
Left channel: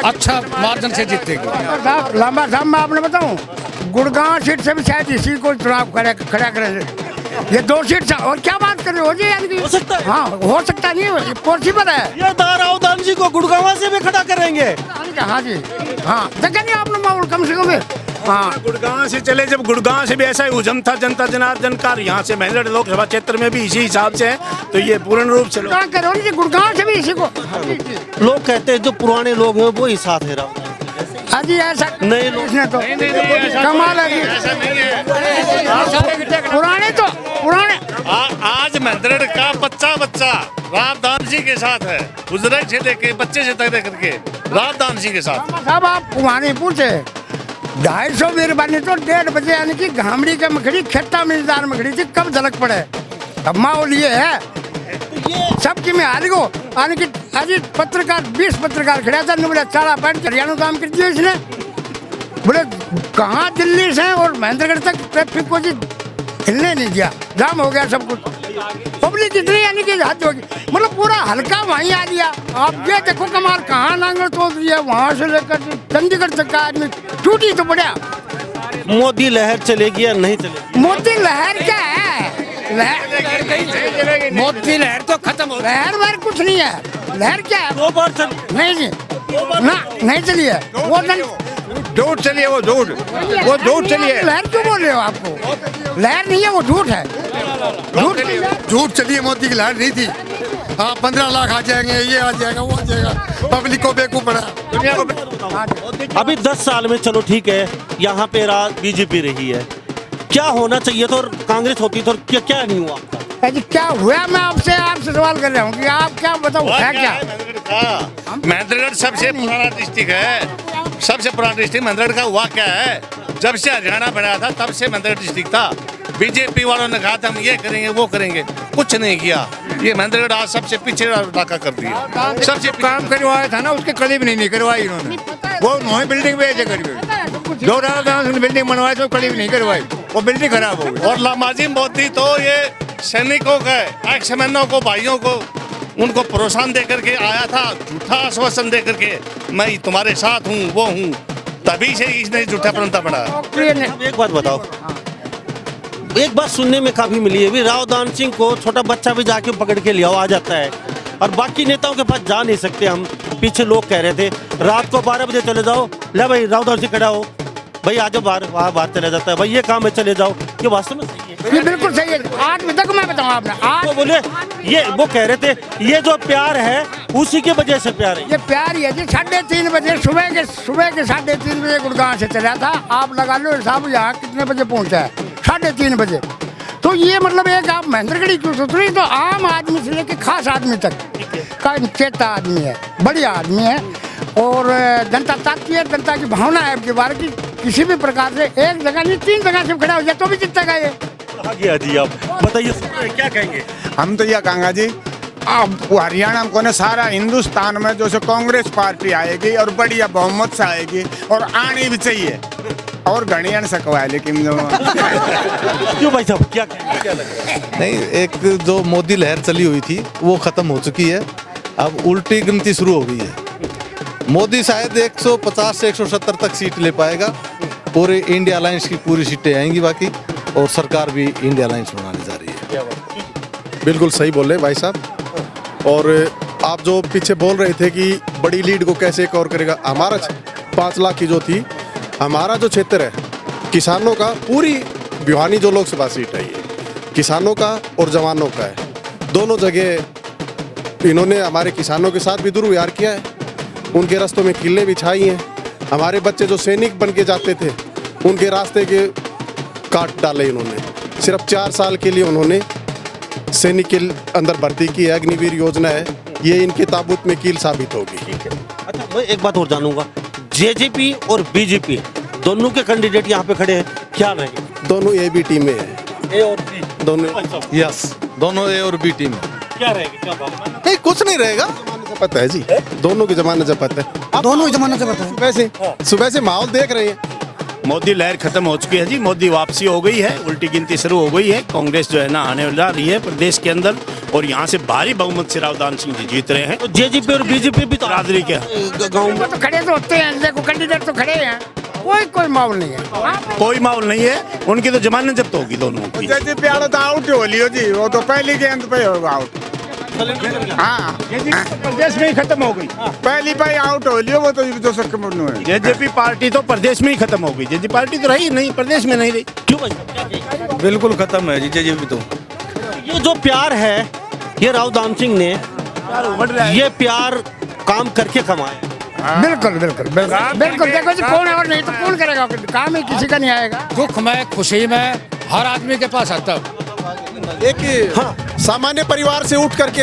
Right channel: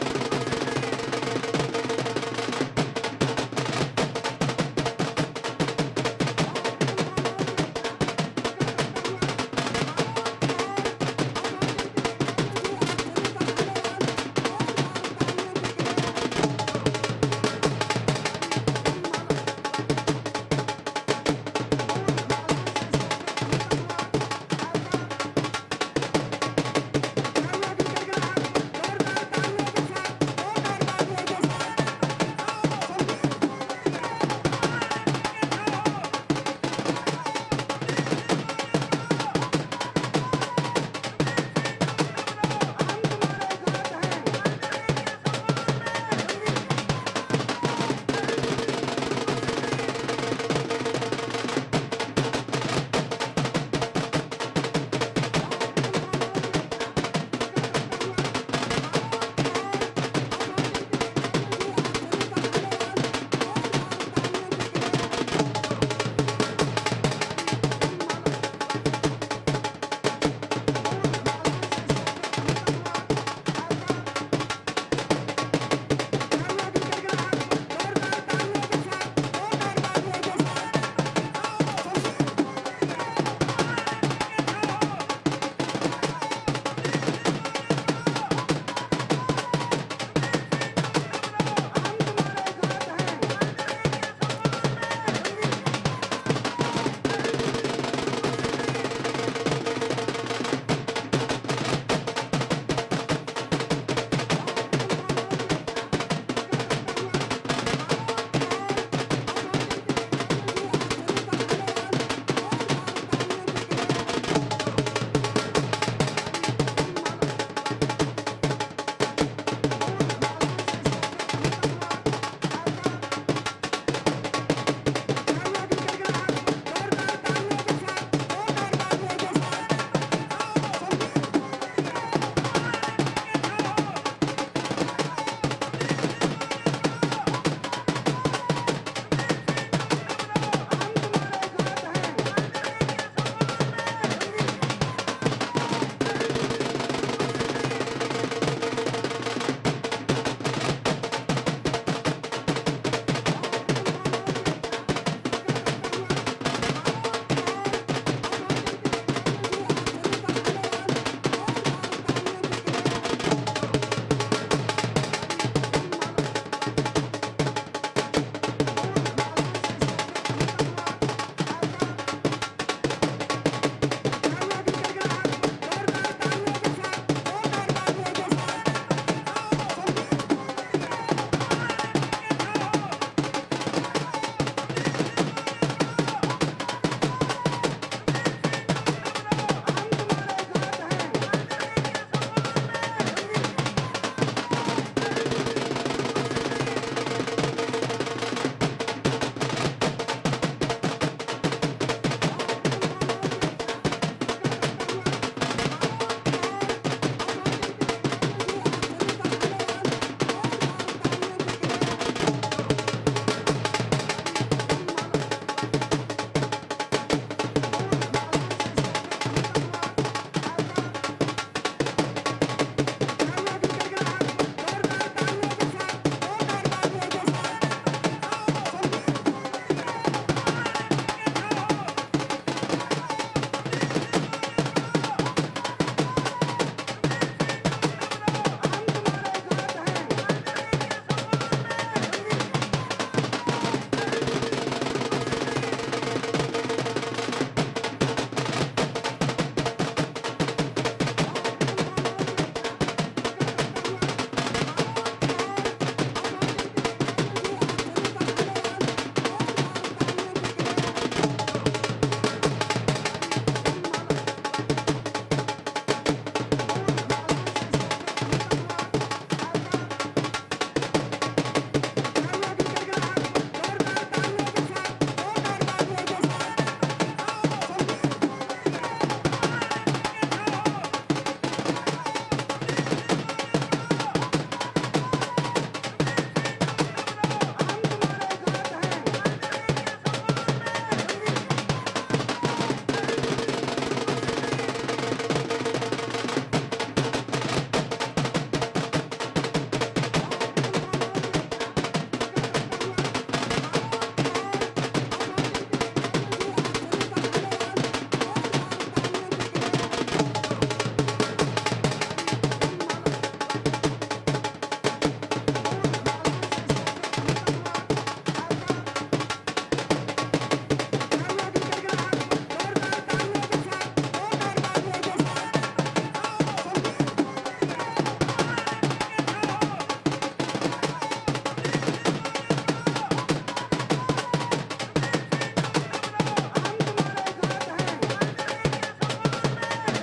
अच्छा मार्जिन से जीतेगा। लंबा साहब मैं आपने बताऊं, गुड़गांव सीट से भी शायद इसी को चुनाव खड़ा करेंगे। ये 2 सीट से, और क्या बात कर रहे हो जी? यानी हो सकता है। हाँ हो सकता नहीं, पॉसिबल है। ये रावदान जी को गुड़गांव से भी खड़ा करेंगे। हाँ जी, हाँ देखा नहीं आपने माहौल कम से कम। हाँ गुड़गांव से चले, जब गुड़गांव से भी ऐसा ही हुजम था जनता जनार्दन का, यहाँ से महेंद्रगढ़ लोकसभा क्षेत्र में भी इसी हिसाब से है, तो ये पूर्ण रूप से गुड़गांव से भी इसी को। लोग कहते हैं जो पुराने लोग हैं वो ही साथ दे रहा। अजी ऐसा नए लोग तो कमाल है। पुराने आज महेंद्रगढ़ का बच्चा रावदान सिंह के साथ है, गुजरे से लेके बच्चे से तक करके रावदान सिंह के साथ। अब आप पुराने पूछे 250 मेहरबानी तो 1:30 बजे, यानी कि घामड़ी के मखड़ी खेता मिलदार मखड़ी थी, कब झलक पड़े। अब माहौल ये है सबकी में हारी को, यानी कि अभी पत्रकार 20 पत्रकार खड़ा था, बोले चारा पैंट हरियाणा काम कर दिया इसने। बोले कहाँ दिल्ली से और महेंद्रगढ़ तक ट्रैफिक को जी हिलने नहीं दिया, जाम हो गया सब कुछ। पब्लिक इतनी यानी कि हद होगी, मतलब पूरा हल्का वहीं आ गया। आप ये देखो कमाल, कहाँ नांगल तोड़ दिया, वहाँ से लेकर चंडीगढ़ तक का आदमी टूटी तो बढ़िया। मोदी लहर चलेगी या नहीं चलेगी? मोदी लहर क्या है? मोदी लहर तो खत्म हो, लहर कुछ नहीं है। लहर क्या है? 2 बार नहीं जी, ना नहीं चली है वो, झूठ चलिए, वो झूठ चलिए। लहर क्यों बोल रहे हो? आपको लहर नहीं है, वो झूठ है। झूठ चलिए, मोदी की लहर नहीं थी। हाँ 15 लाख आ जाएंगे, ये आ जाएगा, वो आ जाएगा, पब्लिक को बेवकूफ बना। अभी 10 साल में चलो ठीक है, यहाँ पे राज बीजेपी रही है, क्या होना चाहिए था और कांग्रेस होती तो क्या नहीं हुआ? क्या हुआ? मैं आपसे सवाल कर रहा हूँ कि आप क्या बताओ है क्या? महेंद्रगढ़ सबसे पुराना डिस्ट्रिक्ट है, सबसे पुराना डिस्ट्रिक्ट महेंद्रगढ़ का हुआ क्या है? जब से हरियाणा बना था तब से महेंद्रगढ़ डिस्ट्रिक्ट था। बीजेपी वालों ने कहा था हम ये करेंगे वो करेंगे, कुछ नहीं किया। ये महेंद्रगढ़ आज सबसे पीछे इलाका कर दिया। सबसे काम करवाया था ना, उसके करीब नहीं करवाई इन्होंने। वो वही बिल्डिंग बेचे करीब, जो बिल्डिंग बनवाई तो करीब नहीं करवाई, वो बिल्डिंग खराब हो गई। और लामाजी मोदी तो ये सैनिकों का, एक्समैनों को, भाइयों को, उनको प्रोत्साहन दे करके आया था, झूठा आश्वासन दे करके मैं तुम्हारे साथ हूँ, वो हूँ, तभी से इसने झूठा प्रणता बढ़ाया। एक बात बताओ, एक बात सुनने में काफी मिली है, रावदान सिंह को छोटा बच्चा भी जाके पकड़ के लिया आ जाता है, और बाकी नेताओं के पास जा नहीं सकते हम। पीछे लोग कह रहे थे रात को 12 बजे चले जाओ, ले भाई राव दान सिंह खड़ा हो भाई, आज बाहर चले जाता है भाई, ये काम है चले जाओ, ये वास्तव में ये बिल्कुल सही है। आज तक मैं बताऊँ आपने, आज वो बोले ये वो कह रहे थे ये जो प्यार है उसी के वजह से प्यार है। ये प्यार ही है जी। 3:30 बजे सुबह के 3:30 बजे गुड़गांव से चला था, आप लगा लो हिसाब यहाँ कितने बजे पहुँचा है, 3:30 बजे। तो ये मतलब एक आप महेंद्रगढ़ी की सुथरी तो आम आदमी से लेकर खास आदमी तक का चेता आदमी है, बढ़िया आदमी है और जनता ताकती है, जनता की भावना है आपके बारे की। किसी भी प्रकार से एक जगह नहीं 3 जगह से खड़ा हो जाए तो भी जीतेगा ये। जी आप बताइए क्या कहेंगे? हम तो यह कहेंगे जी, अब हरियाणा को ना सारा हिंदुस्तान में जो से कांग्रेस पार्टी आएगी और बढ़िया बहुमत से आएगी और आनी भी चाहिए और घड़ियां सकवा है, लेकिन जो क्यों भाई साहब क्या नहीं, एक जो मोदी लहर चली हुई थी वो खत्म हो चुकी है, अब उल्टी गिनती शुरू हो गई है। मोदी शायद 150 से 170 तक सीट ले पाएगा, पूरे इंडिया अलायंस की पूरी सीटें आएंगी बाकी, और सरकार भी इंडिया अलायंस बनाने जा रही है। बिल्कुल सही बोल रहे भाई साहब। और आप जो पीछे बोल रहे थे कि बड़ी लीड को कैसे कवर करेगा, हमारा 5 लाख की जो थी, हमारा जो क्षेत्र है किसानों का, पूरी भिवानी जो लोकसभा सीट है किसानों का और जवानों का है, दोनों जगह इन्होंने हमारे किसानों के साथ भी दुर्व्यवहार किया है, उनके रास्तों में किल्ले बिछाई हैं। हमारे बच्चे जो सैनिक बन के जाते थे उनके रास्ते के काट डाले इन्होंने। सिर्फ 4 साल के लिए उन्होंने सैनिक के अंदर भर्ती की है, अग्निवीर योजना है, ये इनके ताबूत में कील साबित होगी। अच्छा मैं एक बात और जानूंगा, जेजेपी और बीजेपी दोनों के कैंडिडेट यहाँ पे खड़े हैं, क्या रहेंगे? दोनों ए बी टीम में है, ए और बी दोनों यस, दोनों ए और बी टीम। क्या रहेगा? नहीं, कुछ नहीं रहेगा, पता है जी, दोनों के जमाने से पता है, दोनों जमाने से पता है। सुबह से माहौल देख रहे हैं। मोदी लहर खत्म हो चुकी है जी, मोदी वापसी हो गई है, उल्टी गिनती शुरू हो गई है। कांग्रेस जो है ना आने जा रही है प्रदेश के अंदर और यहाँ से भारी बहुमत से राव दान सिंह जी जीत रहे हैं। तो जेजेपी और बीजेपी भी तो बरादरी के गाँव में तो खड़े तो होते हैं, देखो कैंडिडेट तो खड़े हैं, कोई माहौल नहीं है, कोई माहौल नहीं है, उनकी तो जमानत जब्त होगी दोनों की। बीजेपी वाला तो आउट हो लियो जी, वो तो पहली के अंत पे होगा आउट। हाँ प्रदेश में ही खत्म हो गई, पहली पे आउट हो लियो, वो तो जो सक मुड़नो है। जेजेपी पार्टी तो प्रदेश में ही खत्म हो गई, जेजेपी पार्टी तो रही नहीं, प्रदेश में नहीं रही। क्यों? बिल्कुल खत्म है जी जेजेपी तो। ये जो प्यार है ये राव दान सिंह ने ये प्यार काम करके कमाया। बिल्कुल बिल्कुल बिल्कुल। देखो जी कौन और नहीं तो कौन करेगा, काम ही किसी का नहीं आएगा। दुख में खुशी में हर आदमी के पास आता है। एक सामान्य परिवार से उठ करके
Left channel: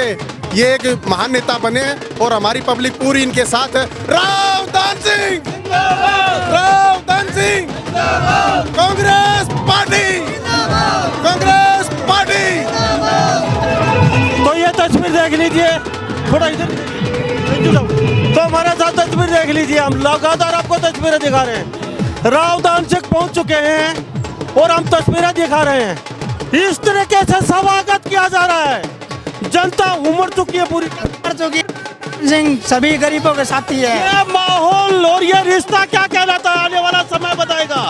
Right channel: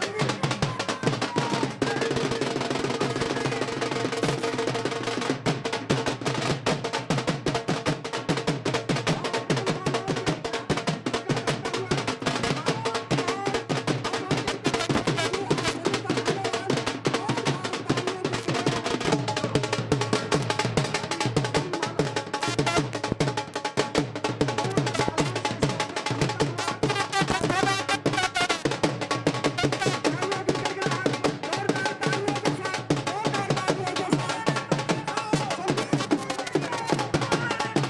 ये एक महान नेता बने और हमारी पब्लिक पूरी इनके साथ है। राव दान सिंह, राव दान सिंह, कांग्रेस पार्टी, कांग्रेस पार्टी। तो ये तस्वीर देख लीजिए, थोड़ा इधर तो हमारे साथ तस्वीर देख लीजिए, हम लगातार आपको तस्वीरें दिखा रहे हैं। राव दान सिंह पहुंच चुके हैं और हम तस्वीरें दिखा रहे हैं। इस तरीके से स्वागत किया जा रहा है, जनता उमड़ चुकी है पूरी सिंह सभी गरीबों के साथी है। ये माहौल और ये रिश्ता क्या कहलाता है आने वाला समय बताएगा,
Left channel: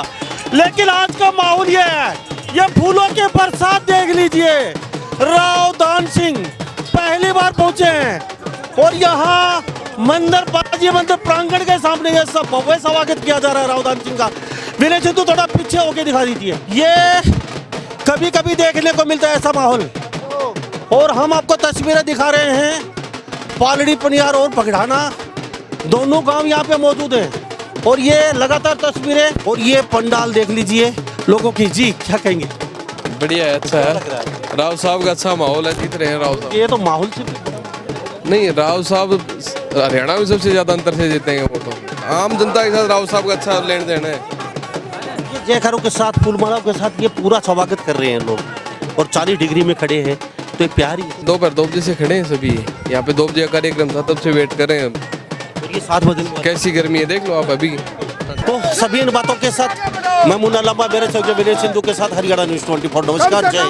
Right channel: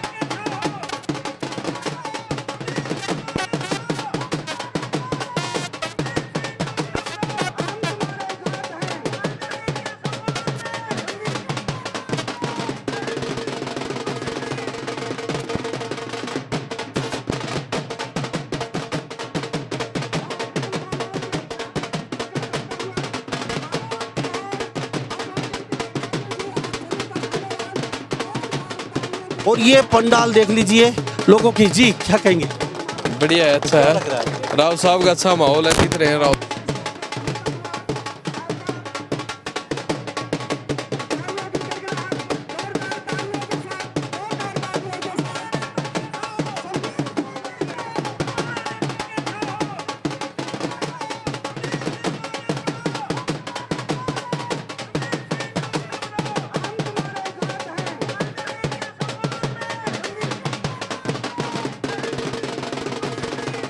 लेकिन आज का माहौल ये है, ये फूलों के बरसात देख लीजिए। राव दान सिंह पहली बार पहुंचे हैं और यहाँ मंदिर प्रांगण के सामने ये सब भव्य स्वागत किया जा रहा है राव दान सिंह का। विनय सिद्धू थोड़ा पीछे होके दिखा दीजिए, ये कभी कभी देखने को मिलता है ऐसा माहौल। और हम आपको तस्वीरें दिखा रहे हैं, पालड़ी पनियार और पगड़ाना दोनों गांव यहाँ पे मौजूद हैं और ये लगातार तस्वीरें और ये पंडाल देख लीजिए लोगों की। जी क्या कहेंगे? बढ़िया है, अच्छा है, राव साहब का अच्छा माहौल है, जीत रहे हैं राव। ये तो माहौल नहीं, राव साहब हरियाणा में सबसे ज्यादा अंतर से जीतेंगे, वो तो आम जनता के साथ राव साहब का अच्छा लेन देन है। जयकारों के साथ फूलमाला के साथ ये पूरा स्वागत कर रहे हैं लोग और 40 डिग्री में खड़े हैं, तो प्यारी 2 बजे से खड़े हैं सभी यहाँ पे, 2 बजे का कार्यक्रम था तब से वेट कर रहे हैं। 7 बजे कैसी गर्मी है देख लो आप अभी। तो सभी इन बातों के साथ मैं मुन्ना लंबा मेरे विनय सिद्धू के साथ हरियाणा न्यूज़ 24 नमस्कार। जय